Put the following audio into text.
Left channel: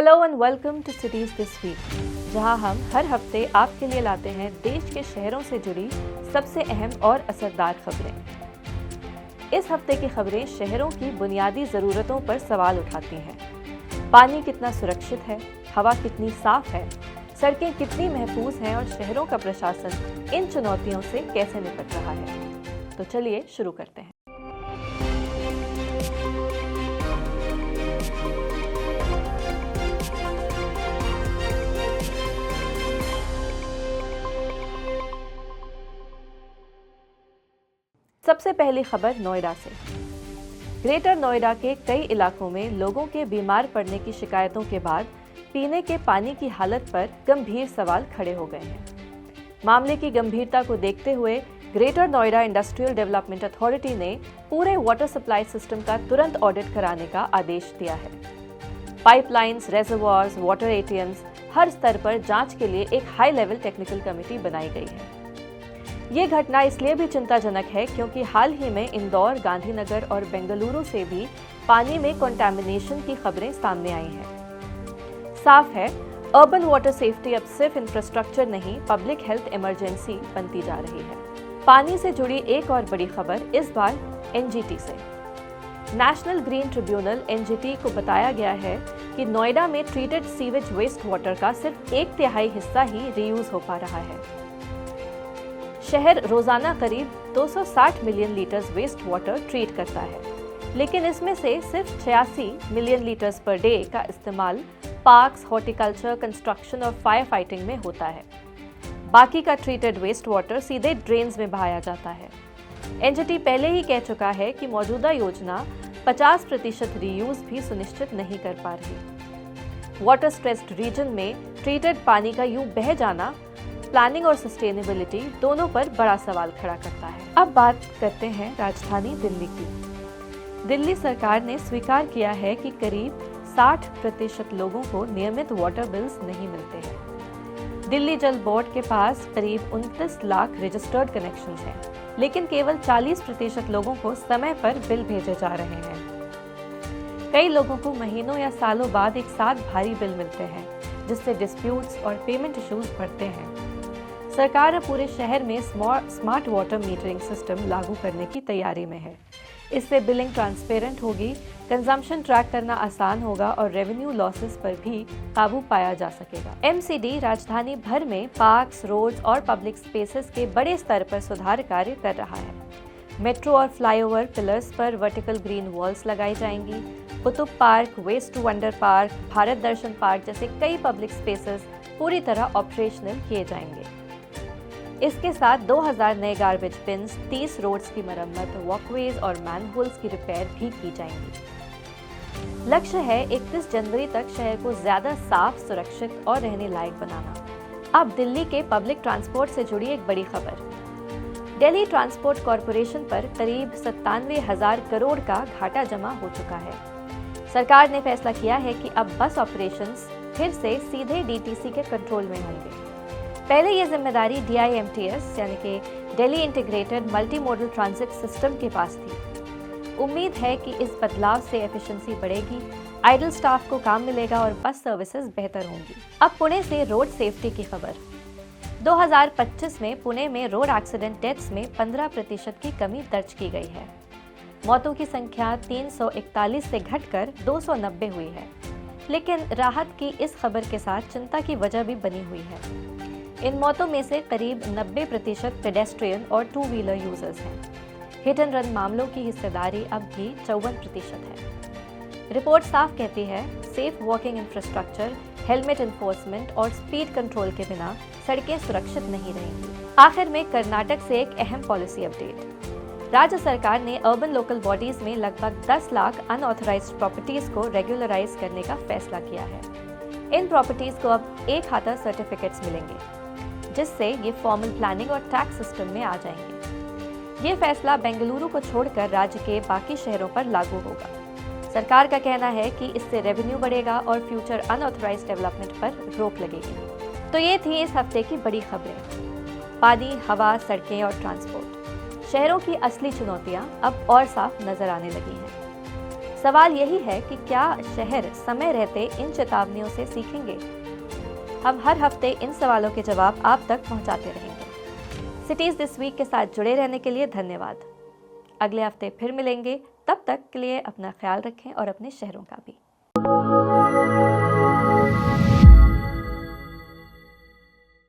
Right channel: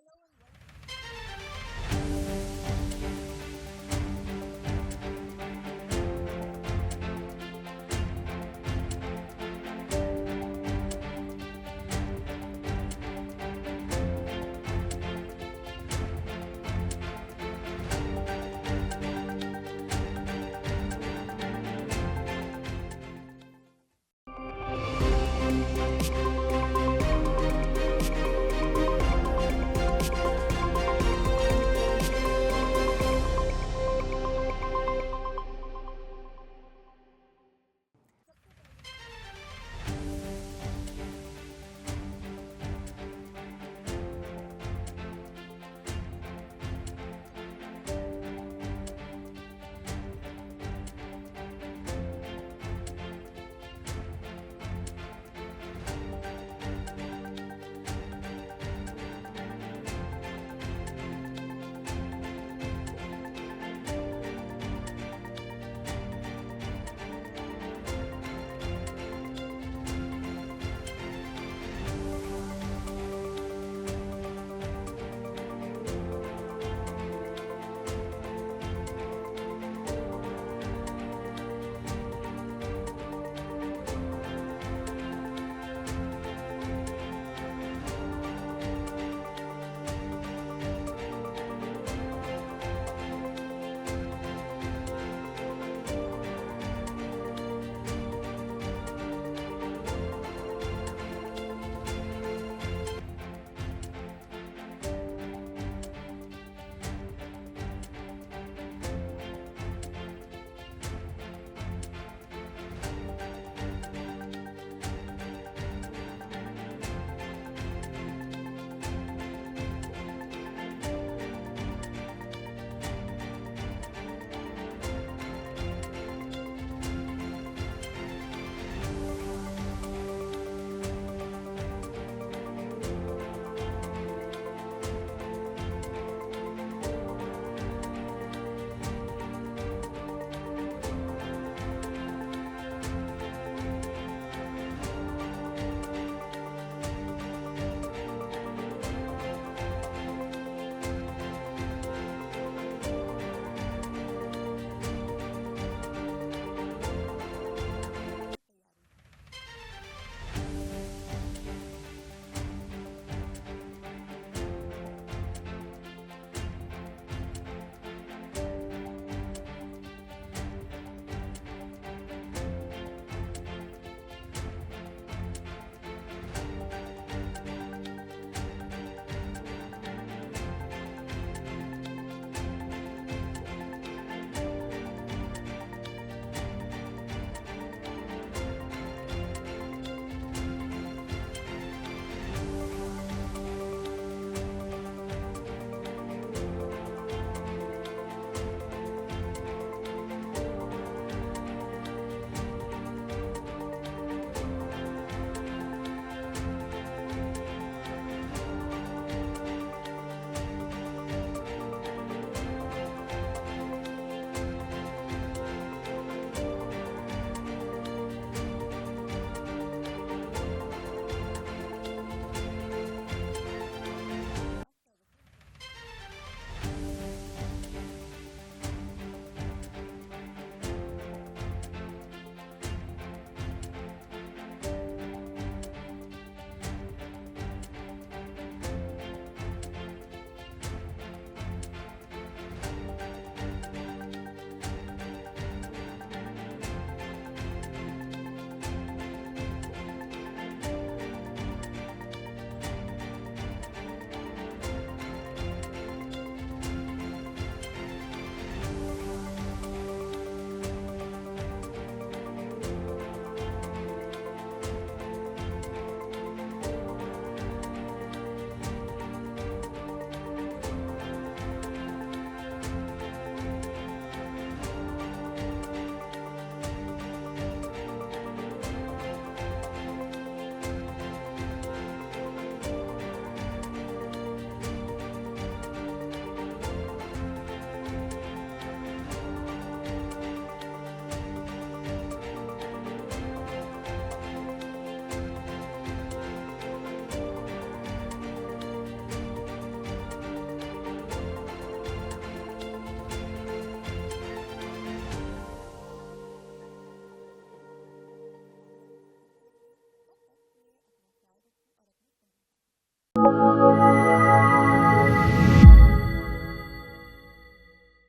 Hello and welcome to cities this week, जहां हम हर हफ्ते आपके लिए लाते हैं देश के शहरों से जुड़ी सबसे अहम और असरदार खबरें। इस हफ्ते की खबरें शहरों की बुनियादी ज़रूरतों पर सवाल उठाती हैं। पानी कितना सुरक्षित है, हवा कितनी साफ है, सड़कें कितनी महफूज हैं और शहरों का प्रशासन इन चुनौतियों से कैसे निपट रहा है। तो चलिए शुरू करते हैं। सबसे पहली खबर नोएडा से। ग्रेटर नोएडा के कई इलाकों में लोगों के बीमार पड़ने की शिकायतों के बाद पीने के पानी की हालत पर गंभीर सवाल खड़े हो गए हैं। मामले की गंभीरता को देखते हुए greater Noida industrial development authority ने पूरे वाटर सप्लाई सिस्टम का तुरंत ऑडिट कराने का आदेश दिया है। पाइपलाइंस, रेजर्वॉयर्स, वाटर एटीएम्स, हर स्तर पर जांच के लिए एक हाई लेवल टेक्निकल कमेटी बनाई गई है। ये घटना इसलिए भी चिंताजनक है क्योंकि हाल ही में इंदौर, गांधीनगर और बेंगलुरु से भी पानी में कंटामिनेशन की खबरें सामने आई हैं। साफ है, अर्बन वाटर सेफ्टी अब सिर्फ इंफ्रास्ट्रक्चर नहीं, पब्लिक हेल्थ इमरजेंसी बनती जा रही है। पानी से जुड़ी एक और बड़ी खबर इस बार एनजीटी से। नेशनल ग्रीन ट्रिब्यूनल एनजीटी को बताया गया है कि नोएडा में ट्रीटेड सीवेज वेस्ट वाटर का सिर्फ 1/3 हिस्सा ही रीयूज हो पा रहा है। शहर रोजाना करीब 260 million litres waste water treat करता है, लेकिन इसमें से सिर्फ 86 मिलियन लीटर्स पर डे का इस्तेमाल पार्क्स, हॉर्टिकल्चर, कंस्ट्रक्शन और फायर फाइटिंग में होता है। बाकी का ट्रीटेड वेस्ट वाटर सीधे ड्रेन्स में बहाया जाता है। एनजीटी पहले ही कह चुका है कि मौजूदा योजना 50% रीयूज भी सुनिश्चित नहीं कर पा रही। वाटर स्ट्रेस्ड रीजन में ट्रीटेड पानी का यूं बह जाना प्लानिंग और सस्टेनेबिलिटी दोनों पर बड़ा सवाल खड़ा करता है। अब बात करते हैं राजधानी दिल्ली की। दिल्ली सरकार ने स्वीकार किया है कि करीब 60% लोगों को नियमित वाटर बिल्स नहीं मिलते हैं। दिल्ली जल बोर्ड के पास करीब 29 लाख रजिस्टर्ड कनेक्शंस हैं, लेकिन केवल 40% लोगों को समय पर बिल भेजे जा रहे हैं। कई लोगों को महीनों या सालों बाद एक साथ भारी बिल मिलते हैं, जिससे डिस्प्यूट्स और पेमेंट इश्यूज बढ़ते हैं। सरकार अब पूरे शहर में स्मार्ट वाटर मीटरिंग सिस्टम लागू करने की तैयारी में है। इससे बिलिंग ट्रांसपेरेंट होगी, कंजम्पशन ट्रैक करना आसान होगा और रेवेन्यू लॉसेस पर भी काबू पाया जा सकेगा। एमसीडी राजधानी भर में पार्क्स, रोड्स और पब्लिक स्पेसेस के बड़े स्तर पर सुधार कार्य कर रहा है। मेट्रो और फ्लाईओवर पिलर्स पर वर्टिकल ग्रीन वॉल्स लगाई जाएंगी। Qutub park, waste to wonder park, Bharat Darshan park जैसे कई पब्लिक स्पेसेस पूरी तरह ऑपरेशनल किए जाएंगे। इसके साथ 2000 नए गार्बेज बिन्स, 30 रोड्स की मरम्मत, वॉकवेज और मैनहोल्स की रिपेयर भी की जाएंगी। लक्ष्य है 31 जनवरी तक शहर को ज्यादा साफ, सुरक्षित और रहने लायक बनाना। अब दिल्ली के पब्लिक ट्रांसपोर्ट से जुड़ी एक बड़ी खबर। दिल्ली ट्रांसपोर्ट कॉरपोरेशन पर करीब 97,000 करोड़ का घाटा जमा हो चुका है। सरकार ने फैसला किया है कि अब बस ऑपरेशंस फिर से सीधे डीटीसी के कंट्रोल में होंगे। पहले ये जिम्मेदारी DIMTS यानी कि Delhi integrated multi modal transit system के पास थी। उम्मीद है कि इस बदलाव से एफिशिएंसी बढ़ेगी, आइडल स्टाफ को काम मिलेगा और बस सर्विसेज बेहतर होंगी। अब पुणे से रोड सेफ्टी की खबर। 2025 में पुणे में रोड एक्सीडेंट डेथ्स में 15% की कमी दर्ज की गई है। मौतों की संख्या 341 से घटकर 290 हुई है, लेकिन राहत की इस खबर के साथ चिंता की वजह भी बनी हुई है। इन मौतों में से करीब 90% पेडेस्ट्रियन और 2 व्हीलर यूजर्स हैं। हिट एंड रन मामलों की हिस्सेदारी अब भी 54% है। रिपोर्ट साफ कहती है, safe walking infrastructure, helmet enforcement और स्पीड कंट्रोल के बिना सड़कें सुरक्षित नहीं रहेंगी। आखिर में कर्नाटक से एक अहम पॉलिसी अपडेट। राज्य सरकार ने अर्बन लोकल बॉडीज में लगभग 10 लाख अनऑथराइज्ड प्रॉपर्टीज को रेगुलराइज करने का फैसला किया है। इन प्रॉपर्टीज को अब एक खाता सर्टिफिकेट्स मिलेंगे, जिससे ये फॉर्मल प्लानिंग और टैक्स सिस्टम में आ जाएंगे। ये फैसला बेंगलुरु को छोड़कर राज्य के बाकी शहरों पर लागू होगा। सरकार का कहना है कि इससे रेवेन्यू बढ़ेगा और फ्यूचर अनऑथराइज्ड डेवलपमेंट पर रोक लगेगी। तो ये थी इस हफ्ते की बड़ी खबरें। पानी, हवा, सड़कें और ट्रांसपोर्ट, शहरों की असली चुनौतियां अब और साफ नजर आने लगी हैं। सवाल यही है कि क्या शहर समय रहते इन चेतावनियों से सीखेंगे? हम हर हफ्ते इन सवालों के जवाब आप तक पहुंचाते रहेंगे। सिटीज दिस वीक के साथ जुड़े रहने के लिए धन्यवाद। अगले हफ्ते फिर मिलेंगे, तब तक के लिए अपना ख्याल रखें और अपने शहरों का भी।